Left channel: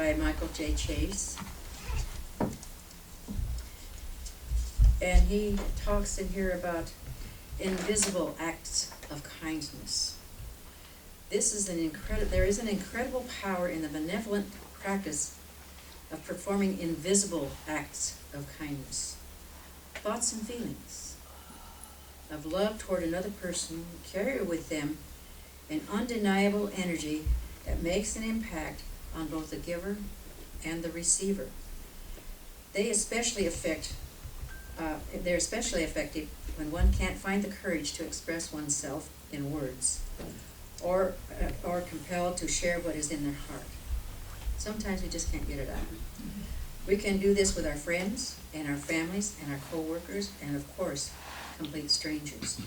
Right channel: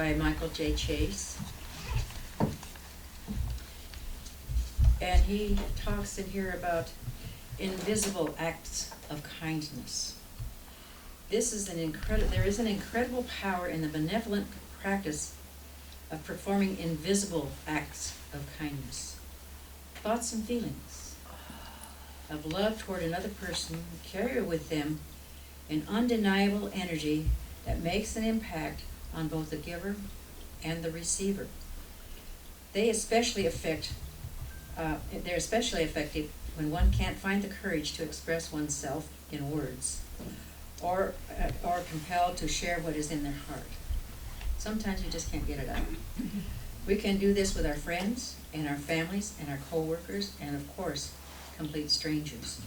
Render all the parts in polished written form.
by Michael J. Chase. And he talks in here about invisible acts of kindness. This is there is an incredible power in the benevolent practice of performing invisible acts of kindness. Thoughts and feelings of love toward another person carry with them an undeniable energy that makes an impact on both the giver and the receiver. They're especially effective when one can't find the courage to express oneself in words, or compelled to share what is in their heart. Sometimes we just can't get it out. We can do this with our friends and our families and our co-workers and, of course, complete strangers.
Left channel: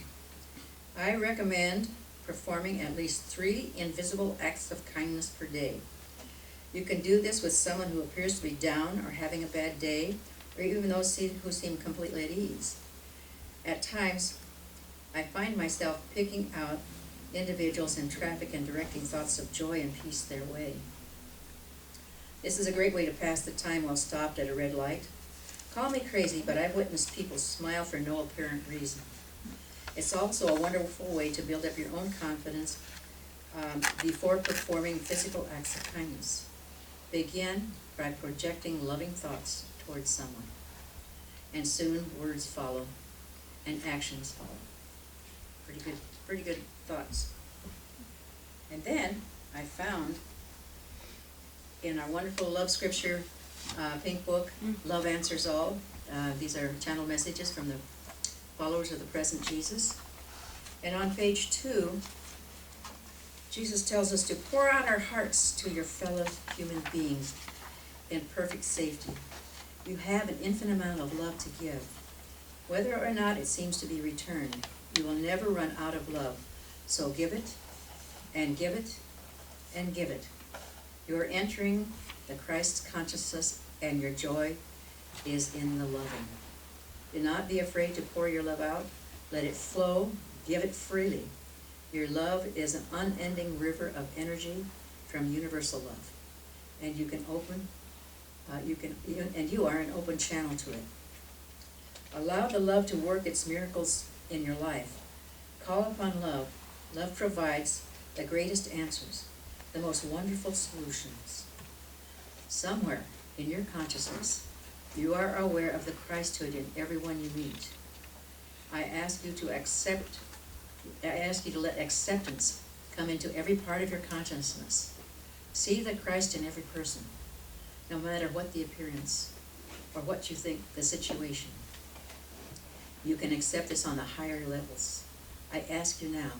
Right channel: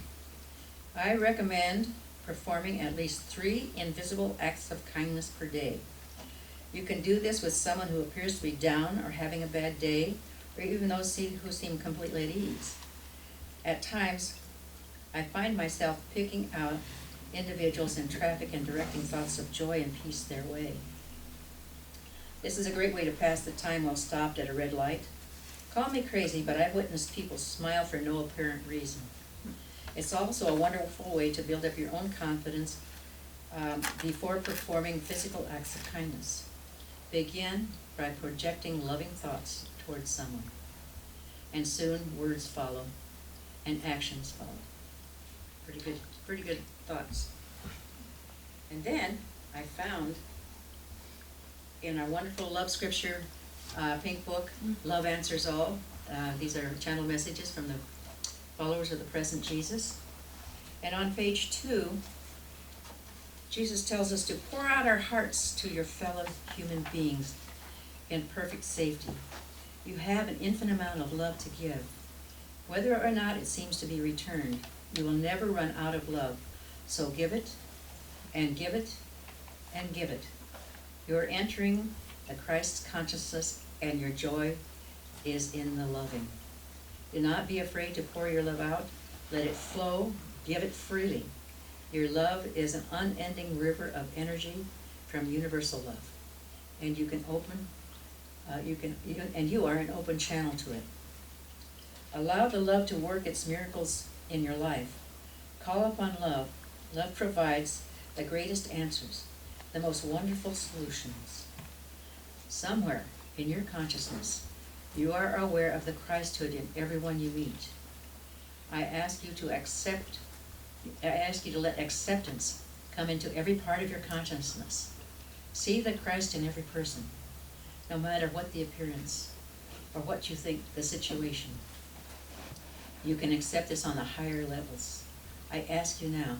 I recommend performing at least 3 invisible acts of kindness per day. You can do this with someone who appears to be down or having a bad day, or even those who seem completely at ease. At times, I find myself picking out individuals in traffic and directing thoughts of joy and peace their way. This is a great way to pass the time while stopped at a red light. Call me crazy, but I've witnessed people smile for no apparent reason. It's also a wonderful way to build up your own confidence before performing physical acts of kindness. Begin by projecting loving thoughts towards someone, and soon words follow and actions follow. Pretty good thoughts. And then I found in our wonderful love scripture pink book, Love Answers All. These are channel messages from the followers of the present Jesus. And on page 2, Jesus tells us to pour out our hearts to your fellow human beings in perfect safety. You have an infinite amount of love to give. Whether or not it seems to be returned, you will never run out of love. So give it, and give it, and give it. You're entering the Christ consciousness, and your joy is in the loving. Do not be afraid to pour your love out. Let it flow. Give it freely. Your love is an unending river of energy from universal love, and you are an open channel to it. Allow the love to work its miracles in your life. Call upon love. Love provides the greatest answers, the most wonderful solutions. Somewhere in your consciousness, you are aware of the Christhood in everyone you meet. I ask you to let acceptance come into every part of your consciousness. See the Christ in every person, no matter what the appearance or what you think the situation. You can accept this on the higher levels. I ask you now,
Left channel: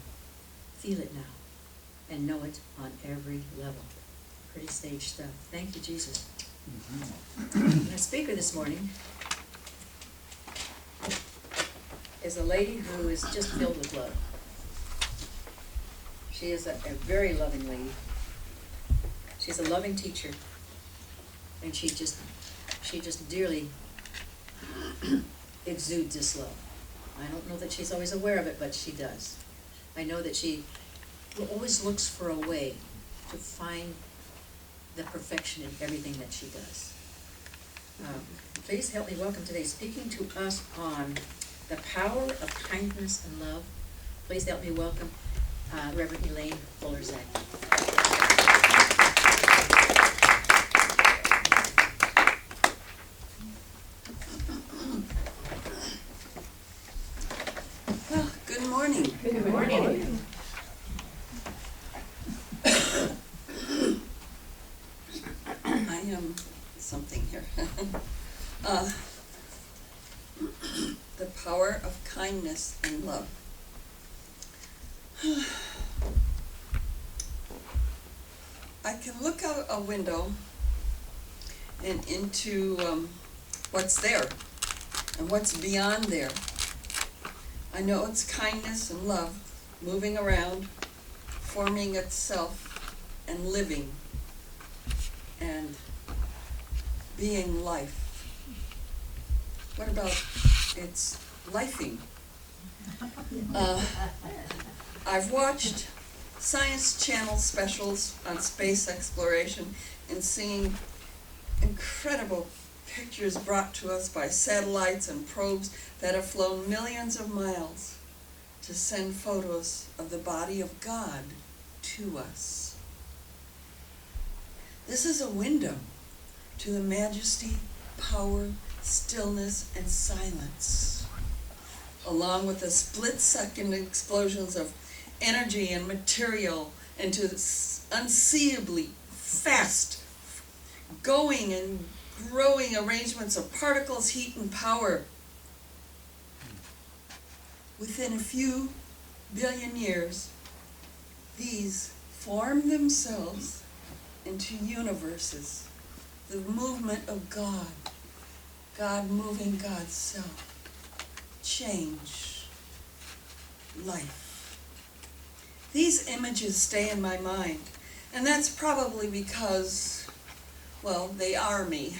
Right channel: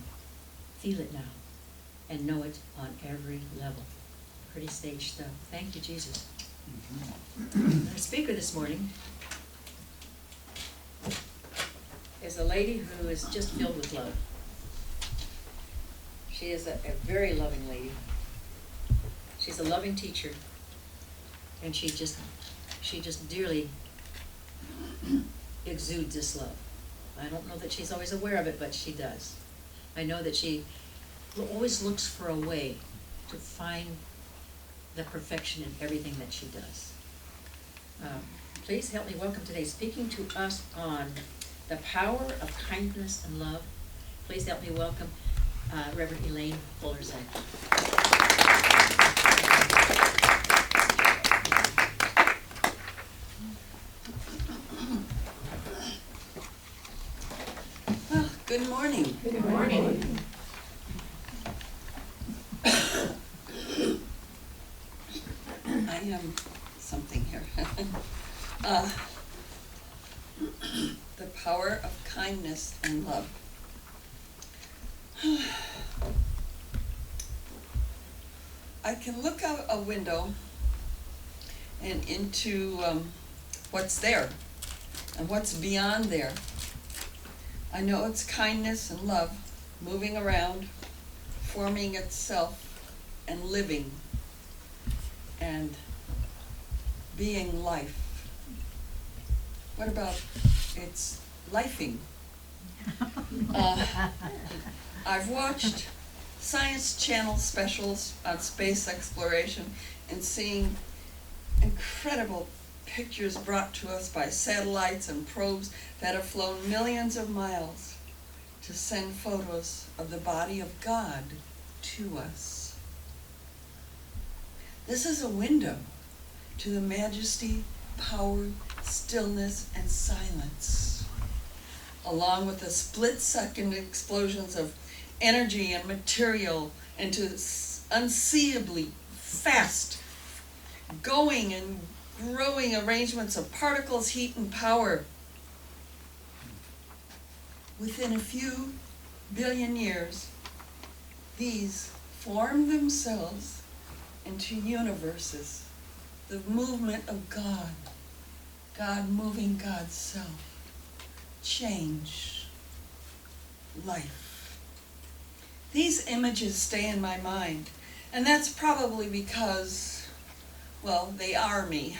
feel it now, and know it on every level. Pretty stage stuff. Thank you, Jesus. Our speaker this morning is a lady who is just filled with love. She is a very loving lady. She's a loving teacher, and she just dearly exudes this love. I don't know that she's always aware of it, but she does. I know that she always looks for a way to find the perfection in everything that she does. Please help me welcome today, speaking to us on the power of kindness and love. Please help me welcome Reverend Elaine Fuller-Zachey. Well, good morning. Good morning. I am something here. The power of kindness and love. I can look out a window and into what's there and what's beyond there. I know it's kindness and love moving around, forming itself and living and being life. What about its lifing? I've watched Science Channel specials on space exploration and seeing incredible pictures brought to us by satellites and probes that have flown millions of miles to send photos of the body of God to us. This is a window to the majesty, power, stillness, and silence, along with the split-second explosions of energy and material into unseeably fast going and growing arrangements of particles, heat, and power. Within a few billion years, these form themselves into universes, the movement of God, God moving God's self, change, life. These images stay in my mind, and that's probably because, well, they are me.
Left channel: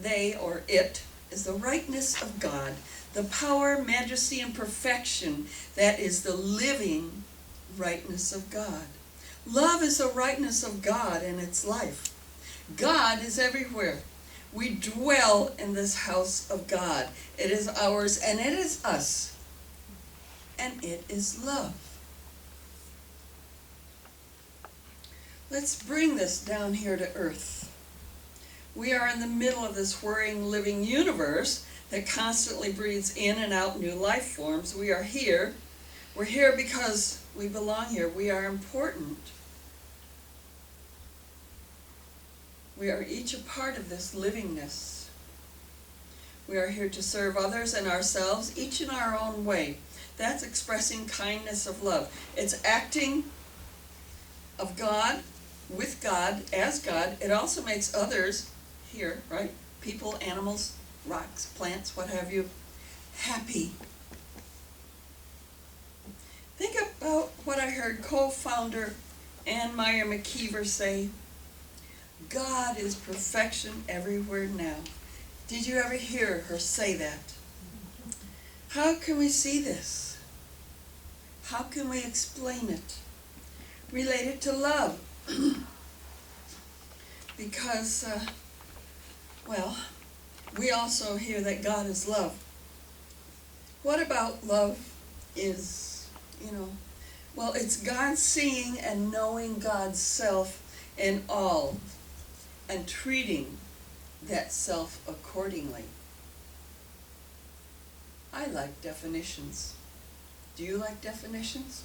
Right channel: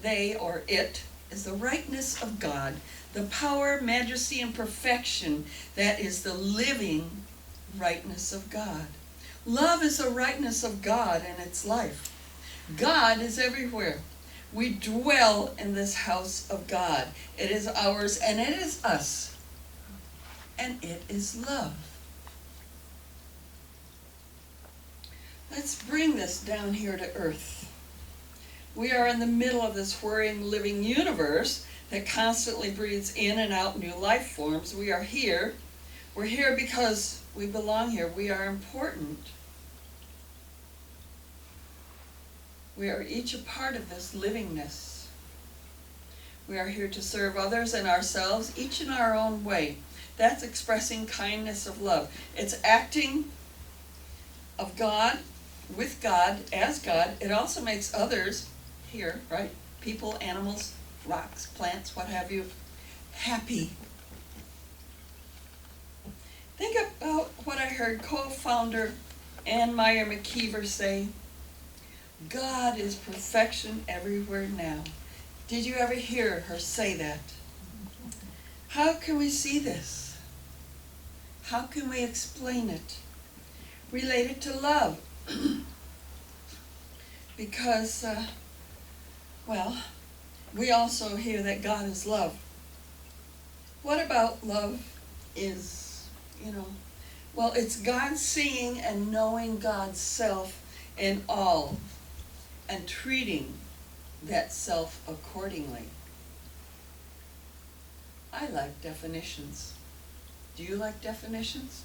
They, or it, is the rightness of God, the power, majesty, and perfection that is the living rightness of God. Love is the rightness of God and its life. God is everywhere. We dwell in this house of God. It is ours and it is us. And it is love. Let's bring this down here to earth. We are in the middle of this whirring, living universe that constantly breathes in and out new life forms. We are here. We're here because we belong here. We are important. We are each a part of this livingness. We are here to serve others and ourselves, each in our own way. That's expressing kindness of love. It's acting of God, with God, as God. It also makes others here, right? People, animals, rocks, plants, what have you, happy. Think about what I heard co-founder Ann Meyer McKeever say. God is perfection everywhere now. Did you ever hear her say that? How can we see this? How can we explain it? Relate it to love. Because, well, we also hear that God is love. What about love is, well, it's God seeing and knowing God's self in all and treating that self accordingly. I like definitions. Do you like definitions?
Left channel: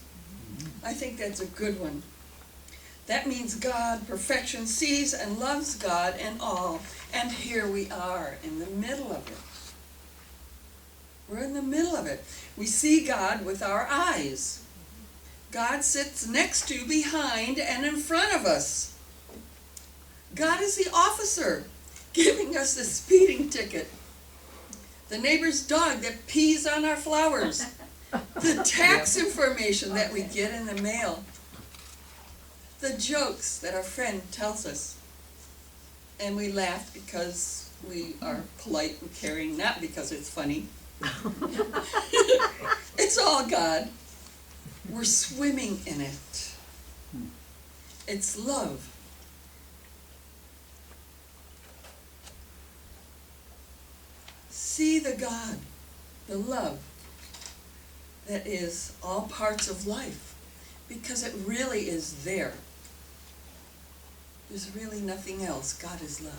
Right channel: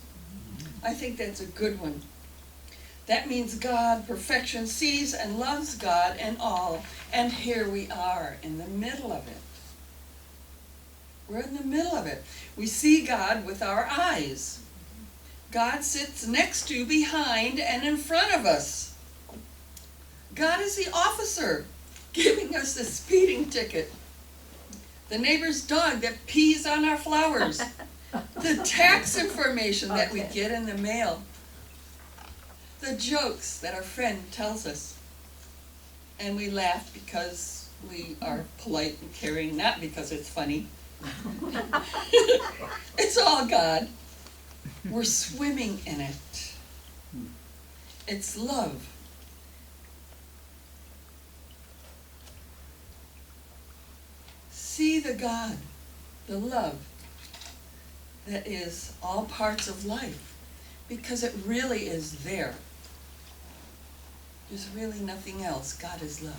I think that's a good one. That means God, perfection, sees and loves God in all, and here we are in the middle of it. We're in the middle of it. We see God with our eyes. God sits next to, behind, and in front of us. God is the officer giving us the speeding ticket. The neighbor's dog that pees on our flowers. The tax information that we get in the mail. The jokes that our friend tells us. And we laugh because we are polite and caring, not because it's funny. It's all God. We're swimming in it. It's love. See the God, the love that is all parts of life, because it really is there. There's really nothing else. God is love.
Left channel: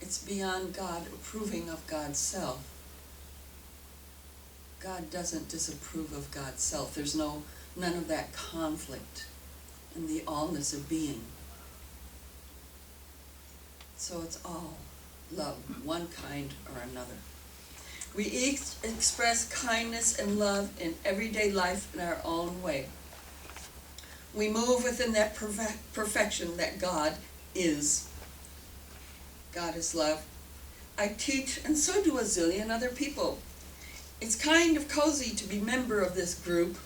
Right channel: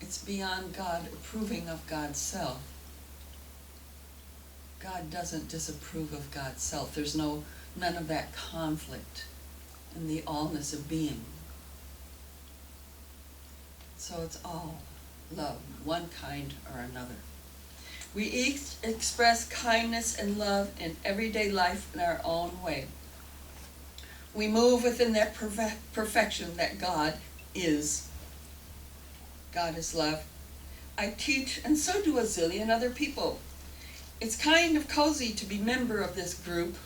It's beyond God approving of God's self. God doesn't disapprove of God's self. There's none of that conflict in the allness of being. So it's all love, one kind or another. We each express kindness and love in everyday life in our own way. We move within that perfection that God is. God is love. I teach, and so do a zillion other people. It's kind of cozy to be member of this group,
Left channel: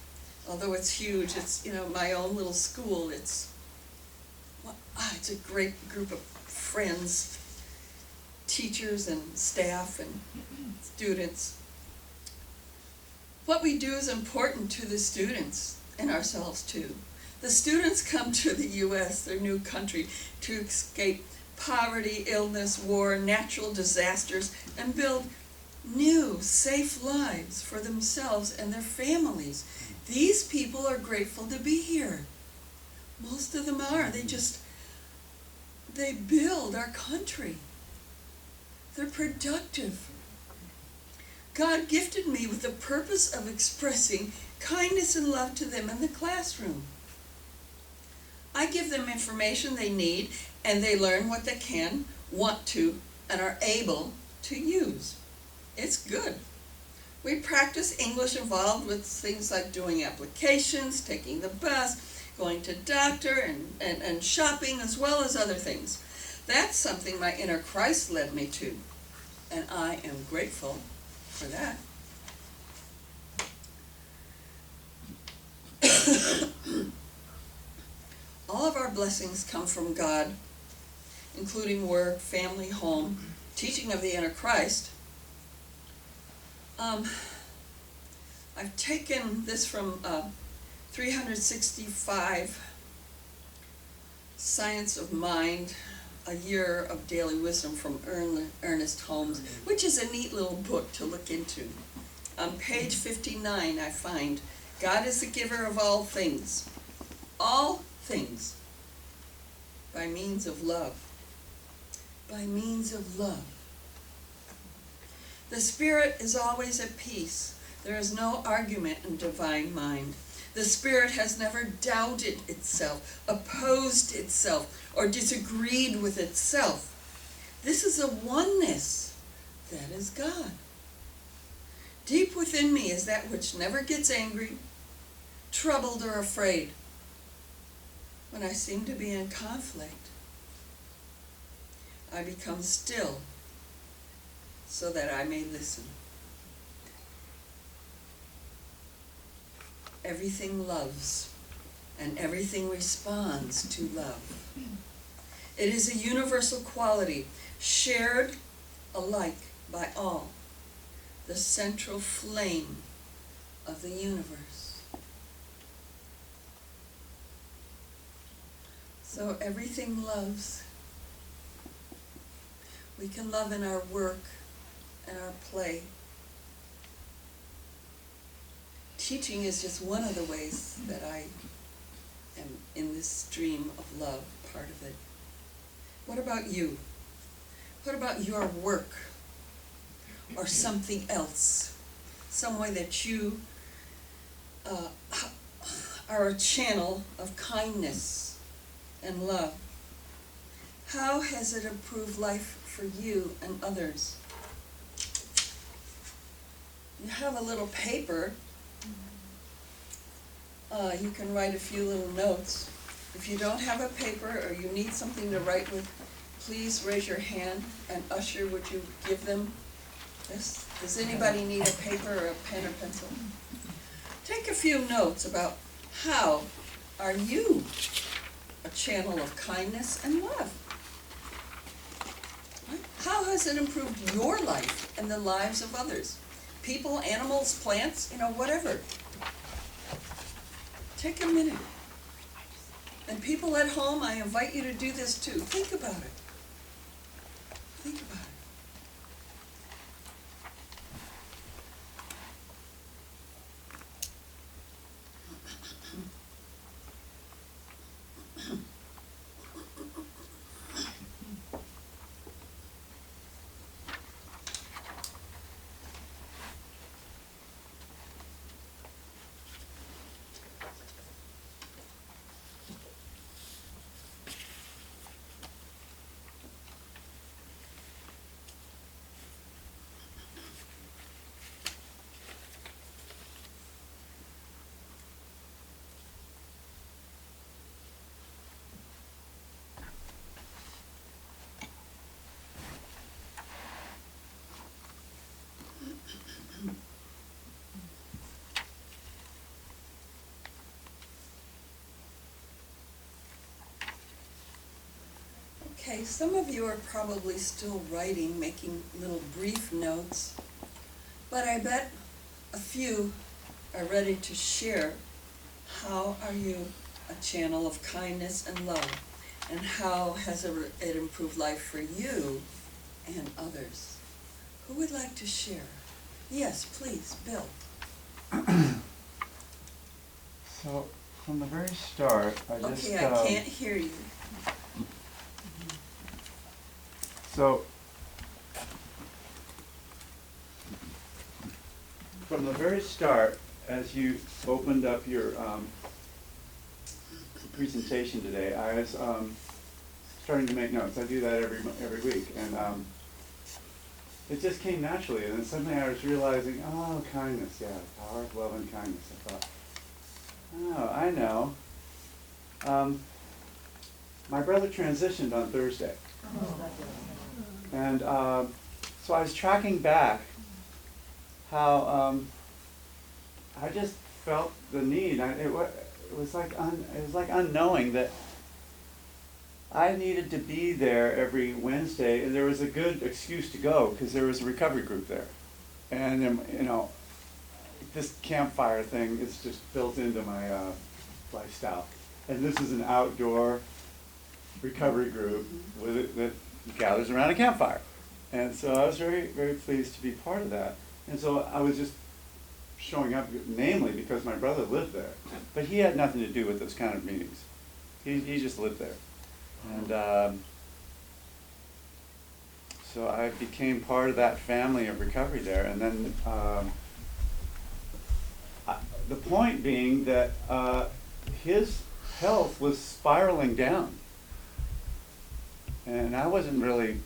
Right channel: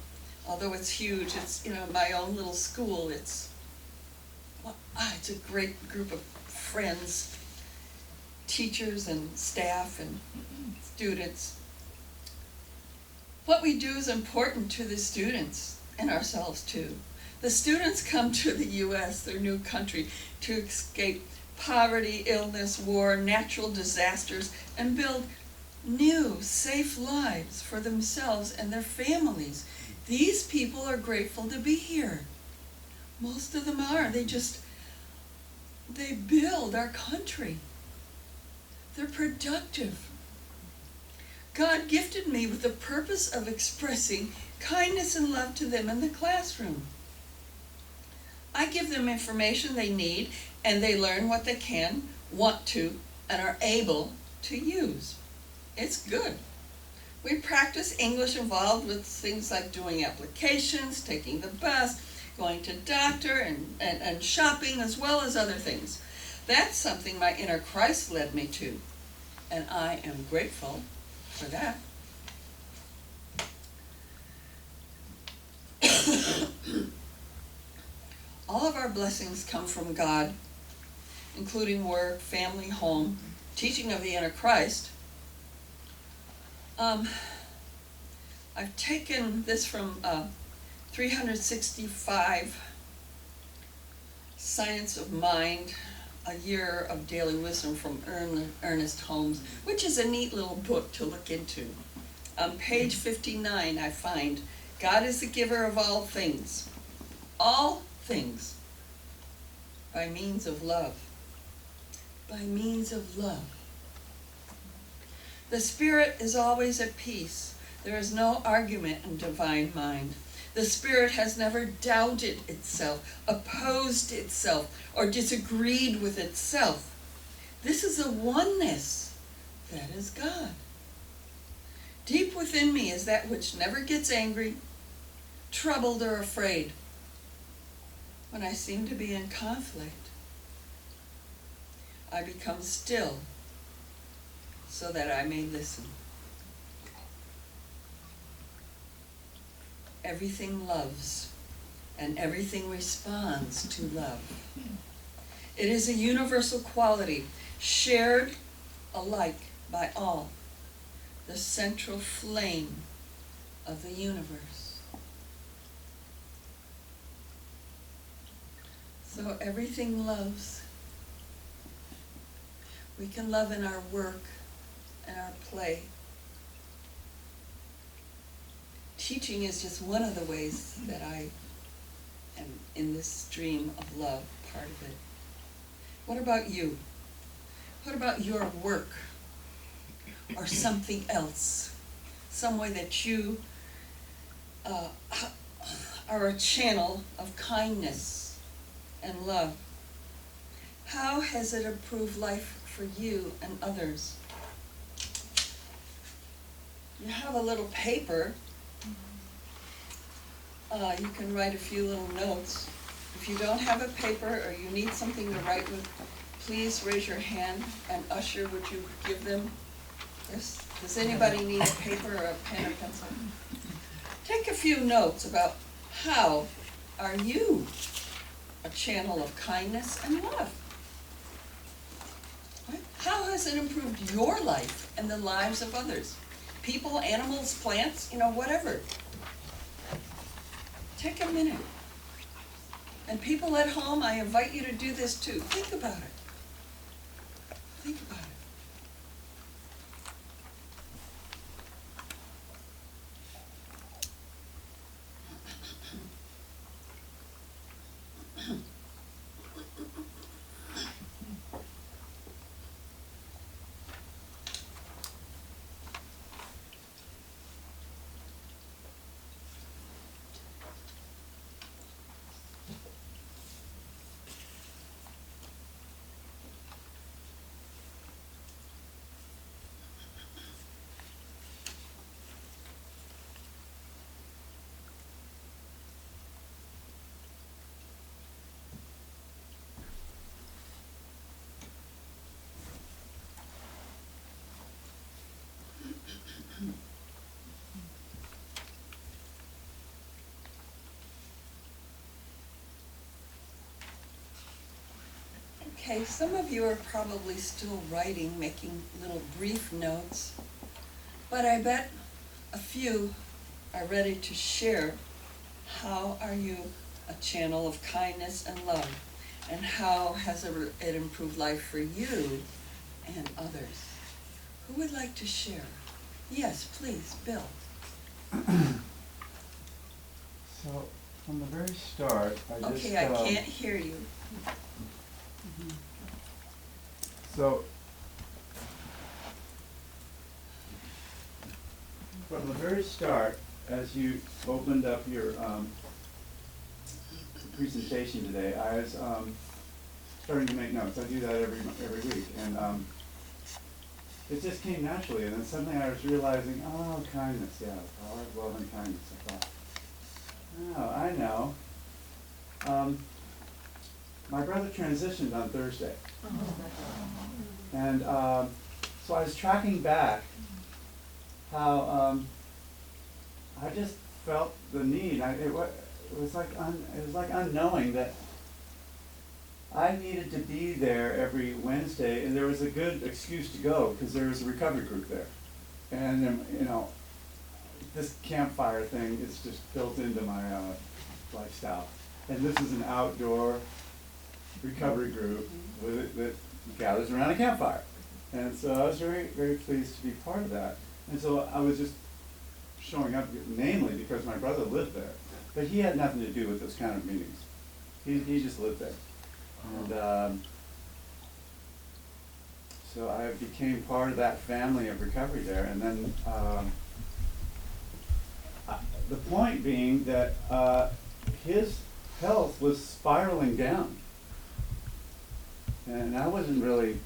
although it's huge. It's, my own little school. It's a great group of friends. teachers and staff and students. What we do is important to the students and ourselves too. The students come to the U.S., their new country, to escape poverty, illness, war, natural disasters, and build new, safe lives for themselves and their families. These people are grateful to be here. Most of them are. They build our country. They're productive. God gifted me with the purpose of expressing kindness and love to them in the classroom. I give them information they need, and they learn what they can, want to, and are able to use. It's good. We practice English involved with things like doing applications, taking the bus, going to doctor, and shopping, as well as other things. That's something my inner Christ led me to, and I am grateful for that. All of our blessings come from God, including work, family, home, teaching of the inner Christ. I've taken this from 365 Science of Mind, a year of daily wisdom from Ernest Holmes, which is a neat little book to look into. On page 59, I find, God is the giver of all things, by means of love. By means of love. The Spirit is always at peace. There is no argument in divine mind. The Spirit has never doubted itself, opposed itself, or disagreed with itself. This is a oneness that is God. Deep within me is that which never gets angry, troubled, or afraid. When I seem to be in conflict, I become still so that I may listen. Everything loves, and everything responds to love. It is a universal quality, shared alike by all, the central flame of the universe. So everything loves. We can love in our work and our play. Teaching is just one of the ways that I am in this stream of love, part of it. What about you? What about your work or something else? Some way that you are a channel of kindness and love. How has it improved life for you and others? You have a little paper. You can write a few little notes. If you don't have a paper or you need something to write with, please raise your hand, and Usher, would you give them this? Does anybody need a paper or a pen or pencil? Take a few notes about how are you a channel of kindness and love? How has it improved your life and the lives of others? People, animals, plants, whatever. Take a minute. And people at home, I invite you to do this too. Think about it. Think about it. Okay, some of you are probably still writing, making little brief notes, but I bet a few are ready to share. How are you a channel of kindness and love? And how has it improved life for you and others? Who would like to share? Yes, please, Bill. So, from the very start, I Okay, I can't hear you. So, from the very start, as you opened up your presentation today, I was starting to make notes. I do that every week, and it just came naturally. And then suddenly I was realizing, oh, kindness, yeah, power of love and kindness. I thought, oh, I know. My brother transitioned on Thursday, and so I was tracking back how I just felt the need. It was like unknowing that I needed to be there every Wednesday, and there was a good excuse to go because there was a recovery group there, and you know, this campfire thing is just built into my lifestyle, and this is an outdoor recovery group that gathers around a campfire, and so I was very, very pleased to be part of that. And so I was just showing up, namely because my brother lived there, but he had nothing to do with those kind of meetings. He just lived there, and so I became part of that family of recovery there. And then the point being that his health was spiraling down, and I wasn't really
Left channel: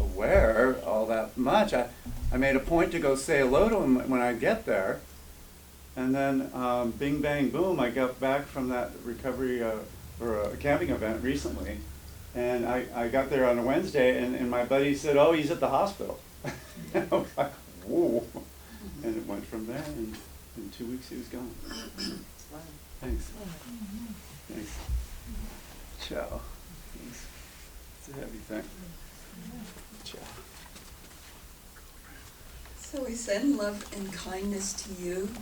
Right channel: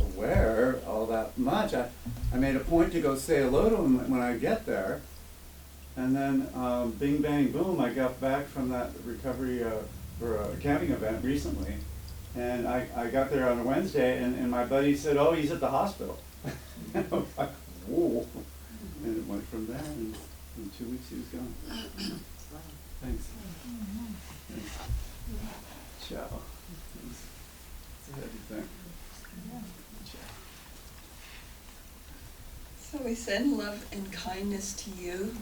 aware all that much. I made a point to go say hello to him when I get there, and then bing bang boom, I got back from that recovery or a camping event recently, and I got there on a Wednesday, and my buddy said, oh, he's at the hospital. And I was like, whoa. And it went from there, and in 2 weeks he was gone. Wow. Thanks. Thanks. Ciao. It's a heavy thing. Ciao. So we send love and kindness to you.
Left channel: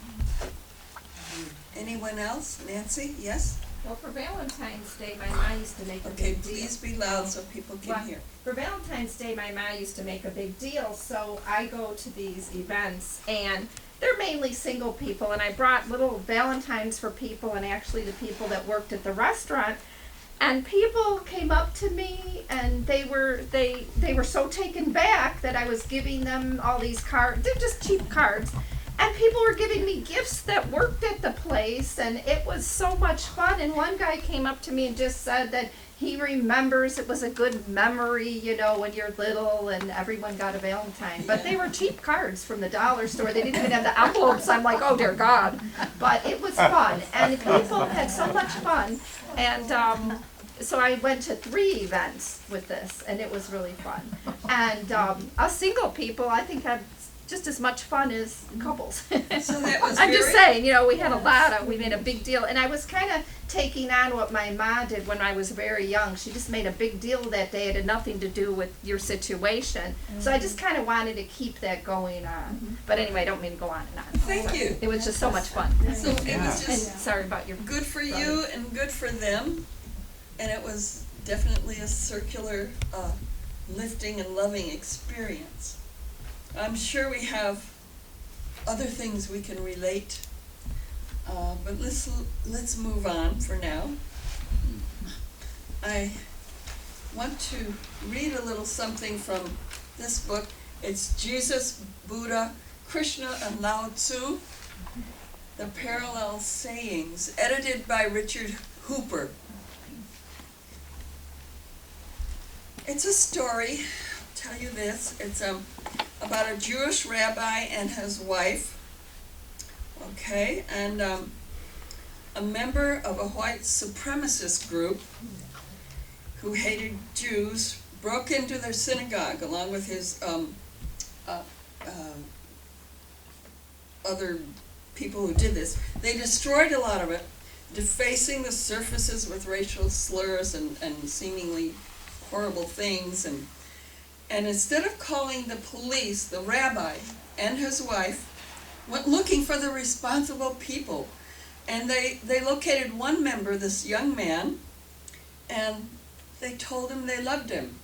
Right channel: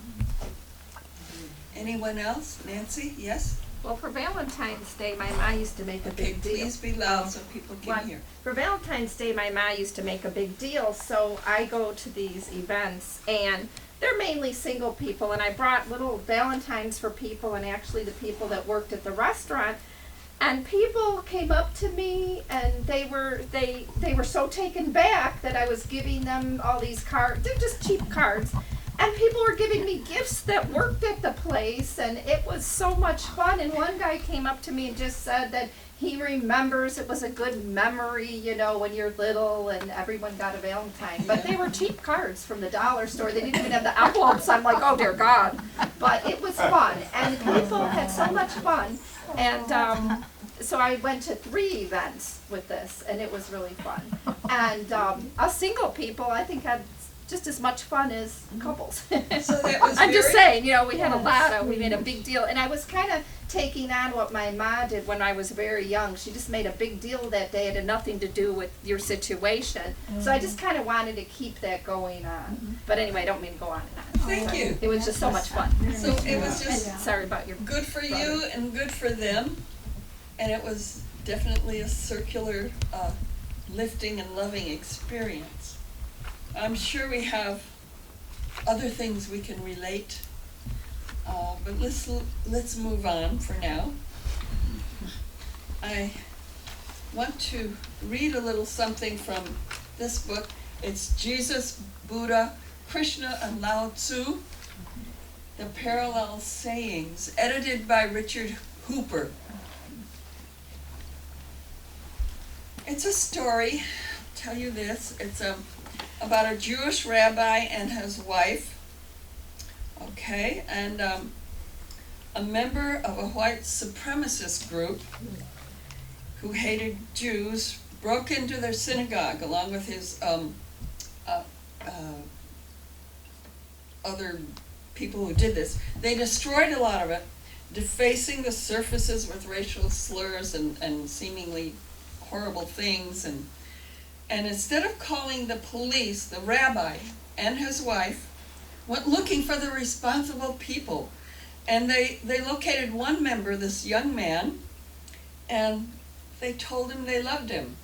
Anyone else? Nancy, yes? Well, for Valentine's Day, my ma used to make a Okay, big deal. please be loud so people can Well, hear. For Valentine's Day, my ma used to make a big deal, so I go to these events, and they're mainly single people, and I brought little Valentines for people, and actually the people that worked at the restaurant, and people came up to me, and they were so taken back that I was giving them all these cards. They're just cheap cards. And people were giving me gifts that worked at the place, and it was so much fun. And one guy came up to me and just said that he remembers it was a good memory, you know, when you're little and everyone got a Valentine. But they were cheap cards from the dollar store. They didn't even have the envelopes. I'm like, oh dear God. But it was fun, and people had so much fun. And so I went to 3 events with this, and it was really fun. And us single people, I think, had just as much fun as couples. So that was I'm just very- saying, you know, we had we made a big deal. And I was kind of taking on what my ma did when I was very young. She just made a big deal that day. It had nothing to do with your situation. So I just kind of wanted to keep that going on. But anyway, I don't mean to go on and on. Thank you. It was just so much fun. So it was And just sorry about your good for you brother. and good for them, and it was definitely a circular lifting and loving experience. I'm sure we have other things we can relate, but let's move on for now. I want to read a little something from this book. It's Jesus, Buddha, Krishna, and Lao Tzu, The Parallel Sayings, edited by Richard Hooper. It's a story, I'll tell you this, it's about a Jewish rabbi and his wife, okay, and a member of a white supremacist group who hated Jews broke into their synagogue along with his other people who did this. They destroyed a lot of it, defacing the surfaces with racial slurs and seemingly horrible things, and instead of calling the police, the rabbi and his wife went looking for the responsible people. And they located one member, this young man, and they told him they loved him.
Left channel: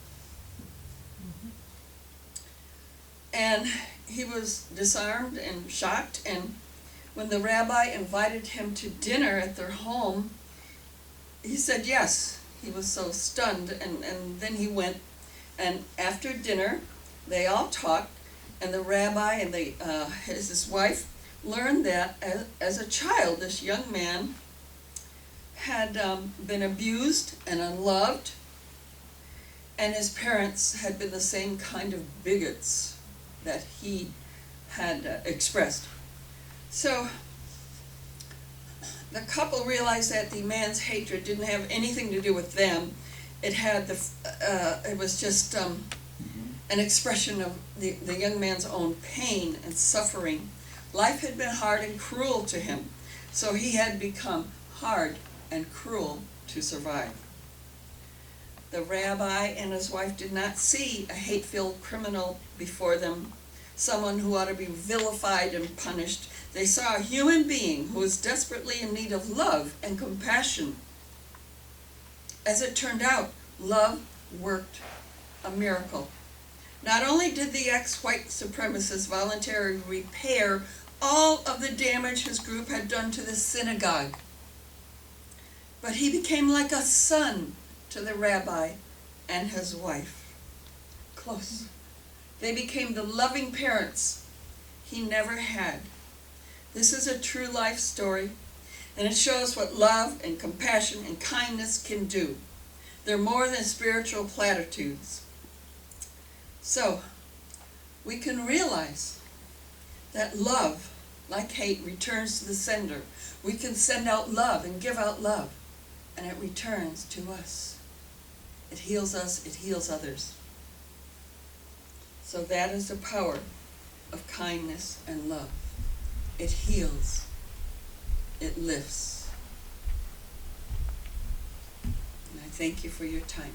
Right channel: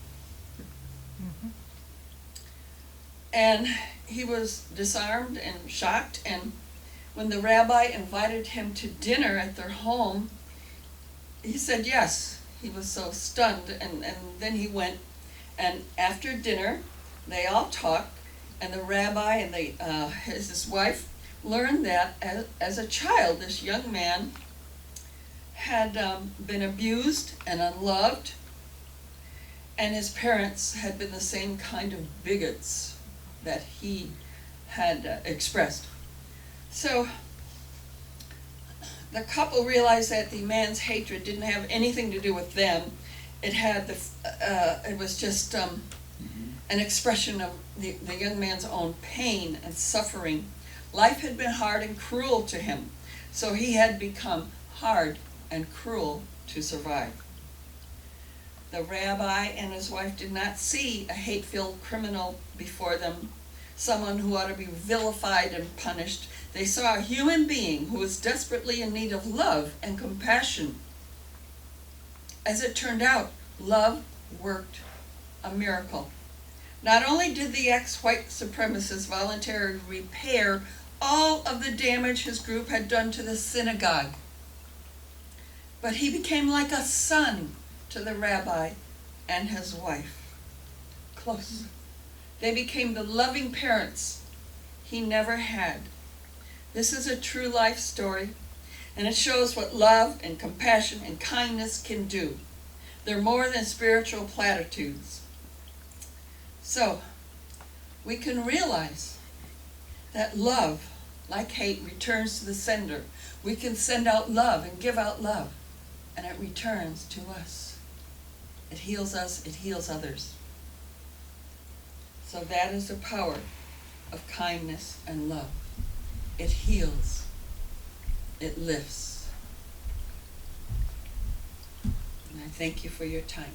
And he was disarmed and shocked, and when the rabbi invited him to dinner at their home, he said yes. He was so stunned, and then he went, and after dinner, they all talked, and the rabbi and his wife learned that as a child, this young man had been abused and unloved, and his parents had been the same kind of bigots that he had expressed. So the couple realized that the man's hatred didn't have anything to do with them. It was just an expression of the young man's own pain and suffering. Life had been hard and cruel to him, so he had become hard and cruel to survive. The rabbi and his wife did not see a hate-filled criminal before them, someone who ought to be vilified and punished. They saw a human being who was desperately in need of love and compassion. As it turned out, love worked a miracle. Not only did the ex-white supremacist voluntarily repair all of the damage his group had done to the synagogue, but he became like a son to the rabbi and his wife. Close. They became the loving parents he never had. This is a true life story, and it shows what love and compassion and kindness can do. They're more than spiritual platitudes. So, we can realize that love, like hate, returns to the sender. We can send out love and give out love, and it returns to us. It heals us, it heals others. So that is the power of kindness and love. It heals. It lifts. And I thank you for your time.